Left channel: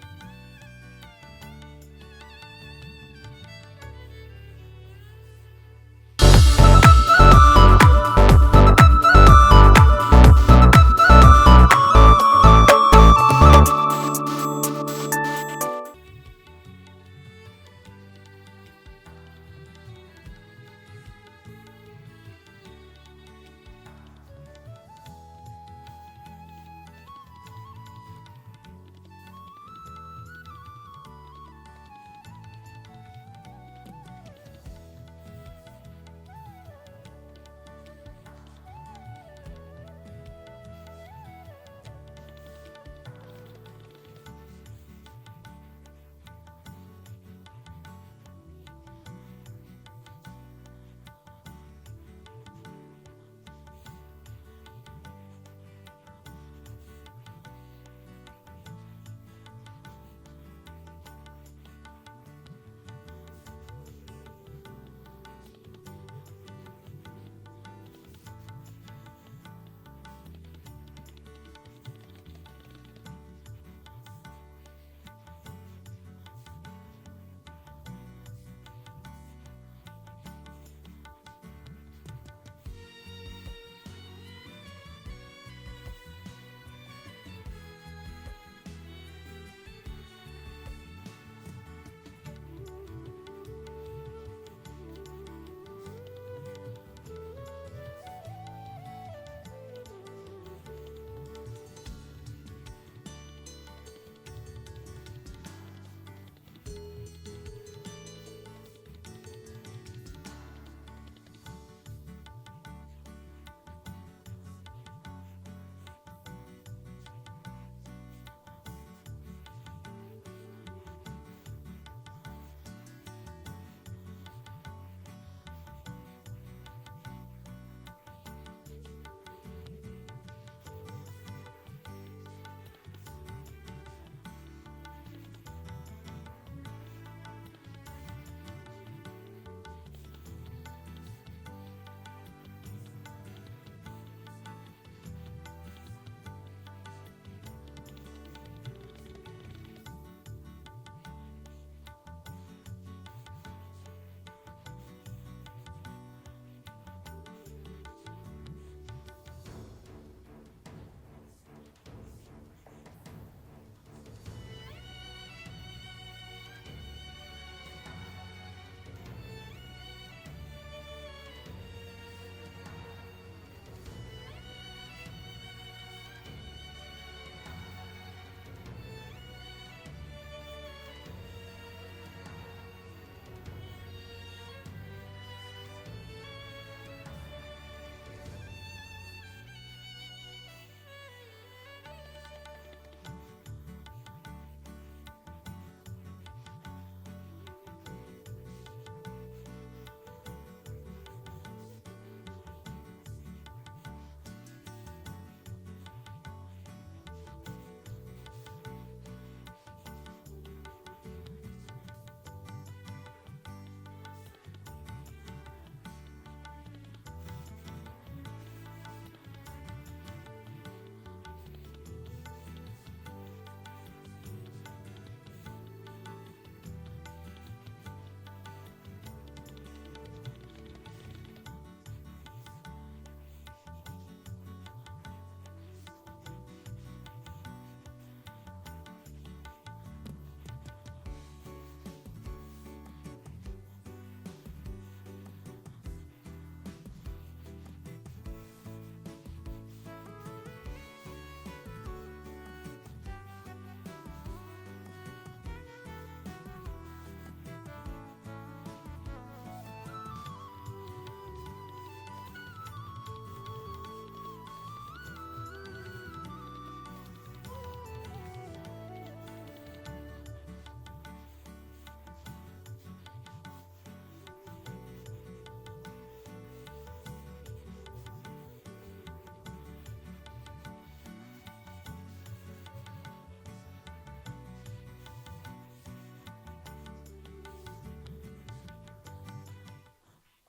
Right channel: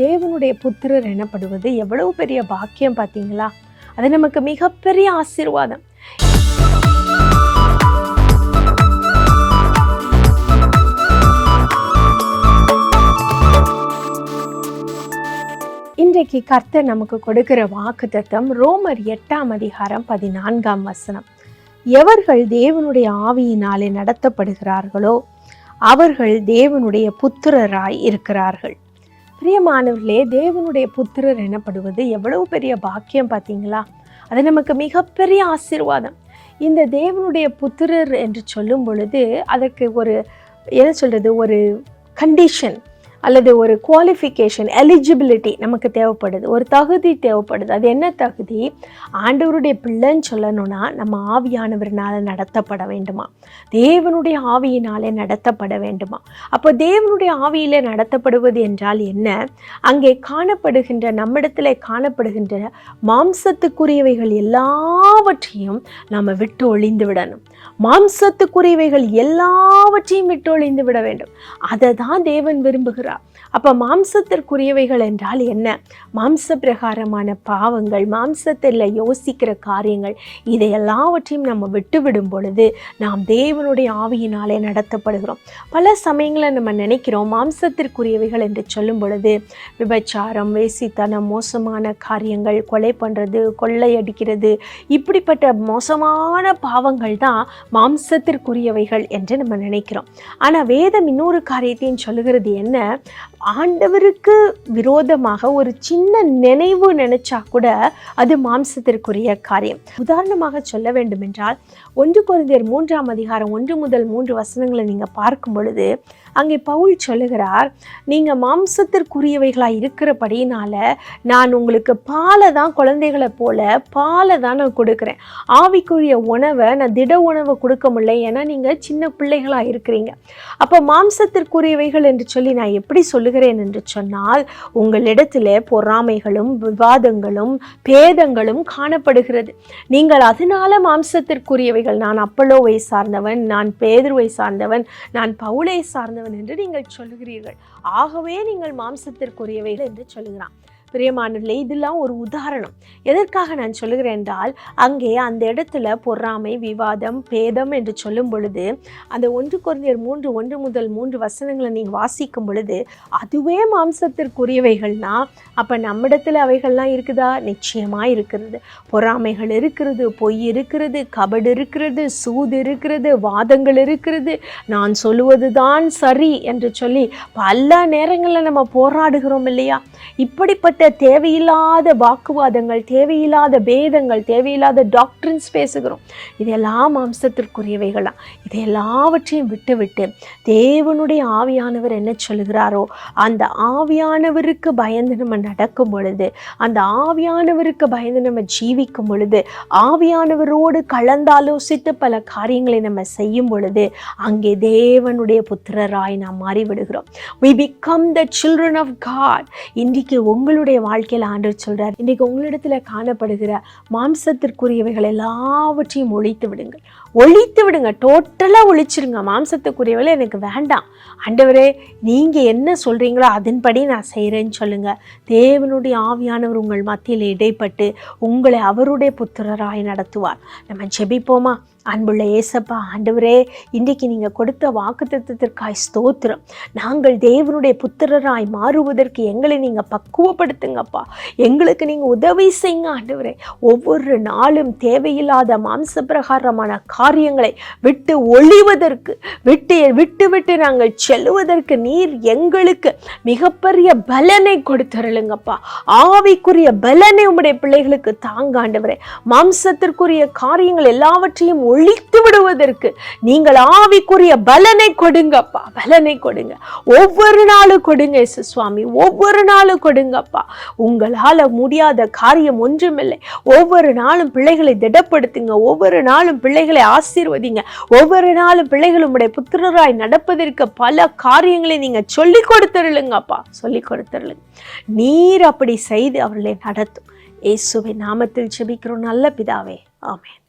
தேவனுடைய புத்திரர் எனப்படுவது எவ்வளவு பெரிய பாக்கியம் பார்த்தீங்களா? அது நமக்கு மிகப்பெரிய ஆசீர்வாதம். இன்றைக்கு கர்த்தர் நமக்கு கொடுக்கிற வாக்குத்தத்தம் ரோமர் 8:14 எவர்கள் தேவனுடைய ஆவியினாலே நடத்தப்படுகிறார்களோ அவர்கள் தேவனுடைய புத்திரராய் இருக்கிறார்கள். பிரியமானவர்களே, தேவனுடைய புத்திரர் எனப்படுவது எவ்வளவு பெரிய பாக்கியம் பார்த்தீங்களா? அது நமக்கு மிகப்பெரிய ஆசீர்வாதம். இந்த தேவனுடைய புத்திரர் என்று சொல்லும் பொழுது அதற்கு ஒரு கண்டிஷன் அல்லது ஒரு குவாலிஃபிகேஷன், எலிஜிபிலிட்டி நமக்கு தேவைப்படுது, ஒரு தகுதி தேவைப்படுது. அது என்ன தகுதி? ஆண்டவருடைய பிள்ளைன்னு சொல்லணும்னா நம்ம ஆவியானவர்னால நடத்தப்பட வேண்டுமா, தேவனுடைய ஆவியினாலே நடத்தப்பட வேண்டுமா. அப்போ தேவனுடைய ஆவியிலே நடத்தப்படுவது என்றால் என்ன? அங்கே காணப்படுகின்ற, நம்மிடத்தில் காணப்படுகின்ற மாம்சத்துக்குரியவைகள் எல்லாவற்றையும் நம்ம விட்டு ஒழிந்து விடணும். மாம்சத்துக்குரியவைகள் எல்லாவற்றையும் விட்டு ஒழிந்து விட வேண்டும். அதை தான் தேவன் விரும்புகிறார். அப்ப மாம்சத்திற்குரியவைகள் என்றால் என்ன? மாம்ச பிரகாரமான பாவங்கள், மாம்சத்தில் யோசிக்கிற காரியங்கள், இதை எல்லாவற்றையும் நம்ம விட்டுவிடும் பொழுது நாம் தேவனுடைய ஆவியினாலே நடத்தப்படுகிறோம். பல சமயங்களில் நம்ம நினைக்கிறோம் மாம்சத்திற்குரியவைகள் என்று சொல்லும் பொழுது விபச்சாரம், வேசித்தனம், மோசமான காரியங்கள், கொலை பண்ணுறது, கொள்ளையடிக்கிறது, இப்படிப்பட்ட மோசமான பாவங்கள் தான் மாம்சத்திற்குரியவைகள் என்று நம்ம நினைக்கிறோம். ஆனால் வேதம் இன்னொரு காரியத்தையும் சொல்லுகிறது என்ன? ஆண்டவருக்கு விரோதமாக ஒரு சின்ன நினைவு நினைச்சா கூட அது மாம்சத்திற்குரிய காரியம். உதாரணமாக சொல்ல வேண்டும் என்றால் 1 கொரிந்தியர் 3:1-3 நீங்க பார்க்கும் பொழுது அங்கே பவுல் சொல்லுகிறார், நீங்க மாம்சத்திற்குரியவைகளாக இருக்கிறபடினால நான் உங்களுக்கு பாலை தான், குழந்தைகளை போல பாலை தான் நான் கொடுக்குறேன். ஆவிக்குரிய உணவை நான் திட உணவை கொடுக்க முடியல, ஏன்னா நீங்க சின்ன பிள்ளைகளாக இருக்கிறீங்க. அப்போ மாம்சத்திற்குரியவைகள் என்று சொல்லி நான் எப்படி சொல்லுகிறேன் என்று சொன்னால், உங்களிடத்தில் பொறாமைகளும் விவாதங்களும் பேதங்களும் காணப்படுகிறது. நீங்கள் அதனால மாம்சத்திற்குரியவைகள், நான் அப்பல்லோவை சார்ந்தவன், நான் பேதுருவை சார்ந்தவன், நான் பவுலை சார்ந்தவன் என்று நீங்கள் சொல்லுகிறீர்கள். ஆகவே நீங்கள் மாம்சத்திற்குரியவைகள் என்று சொல்லுகிறான். பிரியமானவர்களே, இதெல்லாம் ஒரு உதாரணம். எதற்காக நான் சொல்லுகிறேன் என்றால், அங்கே அந்த இடத்துல பொறாமை, விவாதம், பேதம் என்று சொல்லும் பொழுது அந்த 1 கொரிந்தியர் 3:1-3 நீங்கள் வாசிக்கும் பொழுது அதுவே மாம்சத்திற்குரியவைகள்னா அப்போ நம்மிடத்தில் அவைகள்லாம் இருக்குதா? நிச்சயமாக இருக்கிறது. பொறாமைகள் இருக்கிறது, பொய் இருக்கிறது, கபடு இருக்கிறது, சூது இருக்கிறது, வாதங்கள் இருக்கிறது, நான் சொல்லுவது தான் சரி என்று சொல்லி பல நேரங்களில் நம்ம போராடுகிறோம் இல்லையா? இப்படிப்பட்ட தேவையில்லாத வாக்குவாதங்கள், தேவையில்லாத பேதங்கள், தேவையில்லாத டாக்டரின்ஸ் பேசுகிறோம். இதெல்லாம் மாம்சத்திற்குரியவைகளாம். இதை எல்லாவற்றையும் விட்டு தேவனுடைய ஆவியானவர் என்ன சொல்லுகிறாரோ அந்த ஆவியானவருக்கு பயந்து நம்ம நடக்கும் பொழுது, அந்த ஆவியானவருக்கு பயந்து நம்ம ஜீவிக்கும் பொழுது, ஆவியானவரோடு கலந்தாலோசித்து பல காரியங்களை நம்ம செய்யும் பொழுது அங்கே தேவனுடைய புத்திரராய் நாம் மாறிவிடுகிறோம். We become the children of God. இன்றைக்கு உங்களுடைய வாழ்க்கையில் ஆண்டவர் சொல்றார், இன்றைக்கு உங்களிடத்துல காணப்படுகிற மாம்சத்திற்குரியவைகள் எல்லாவற்றையும் ஒழித்து விடுங்க. டோட்டலா ஒழிச்சிருங்க. மாம்சத்துக்குரியவைகள் எனக்கு வேண்டாம் ஆண்டவரே, நீங்க என்ன சொல்றீங்களோ அதன்படி நான் செய்யறேன்னு சொல்லுங்க. தேவனுடைய ஆவியானவர் உங்கள் மத்தியில் இடைப்பட்டு உங்களை அவருடைய புத்திரராய் நடத்துவார். நம்ம ஜெபிப்போமா? அன்புள்ள ஏசப்பா, ஆண்டவரே, இன்றைக்கு நீங்கள் கொடுத்த வாக்குத்தத்தத்திற்காய் ஸ்தோத்திரம். நாங்கள் தேவனுடைய புத்திரராய் மாறுவதற்கு எங்களை நீங்கள் பக்குவப்படுத்துங்கப்பா. எங்களுக்கு நீங்கள் உதவி செய்யுங்க ஆண்டவரே. ஒவ்வொரு நாளும் தேவையில்லாத மாம்ச பிரகாரமான காரியங்களை விட்டு ஒழிவதற்கு, விட்டு நாங்கள் செல்லுவதற்கு நீர் எங்களுக்கு மிகப்பெரிய பலனை கொடுத்துருளுங்கப்பா. ஆவிக்குரிய பலனை உம்முடைய பிள்ளைகளுக்கு தாங்க ஆண்டவரே. மாம்சத்திற்குரிய காரியங்கள் எல்லாவற்றையும் ஒழித்து விடுவதற்கு நீங்கள் ஆவிக்குரிய பலனை கொடுங்கப்பா. பலனை கொடுங்க, ஒவ்வொரு நாளும் கொடுங்க இயேசு சுவாமி, ஒவ்வொரு நாளும் கொடுங்கப்பா. உங்களால் முடியாத காரியம் ஒன்றுமில்லை. ஒவ்வொரு நாளும் பிள்ளைகளை திடப்படுத்துங்க, ஒவ்வொரு நாளும் பிள்ளைகளை ஆசீர்வதிங்க, ஒவ்வொரு நாளும் பிள்ளைகள் உம்முடைய புத்திரராய் நடப்பதற்கு பல காரியங்களை நீங்க சொல்லி கொடுத்துருளுங்கப்பா, சொல்லி கொடுத்துருளுங்க. நீர் அப்படி செய்து அவர்களை நடத்தும். இயேசுவின் நாமத்தில் ஜெபிக்கிறோம் நல்ல பிதாவே, ஆமென்.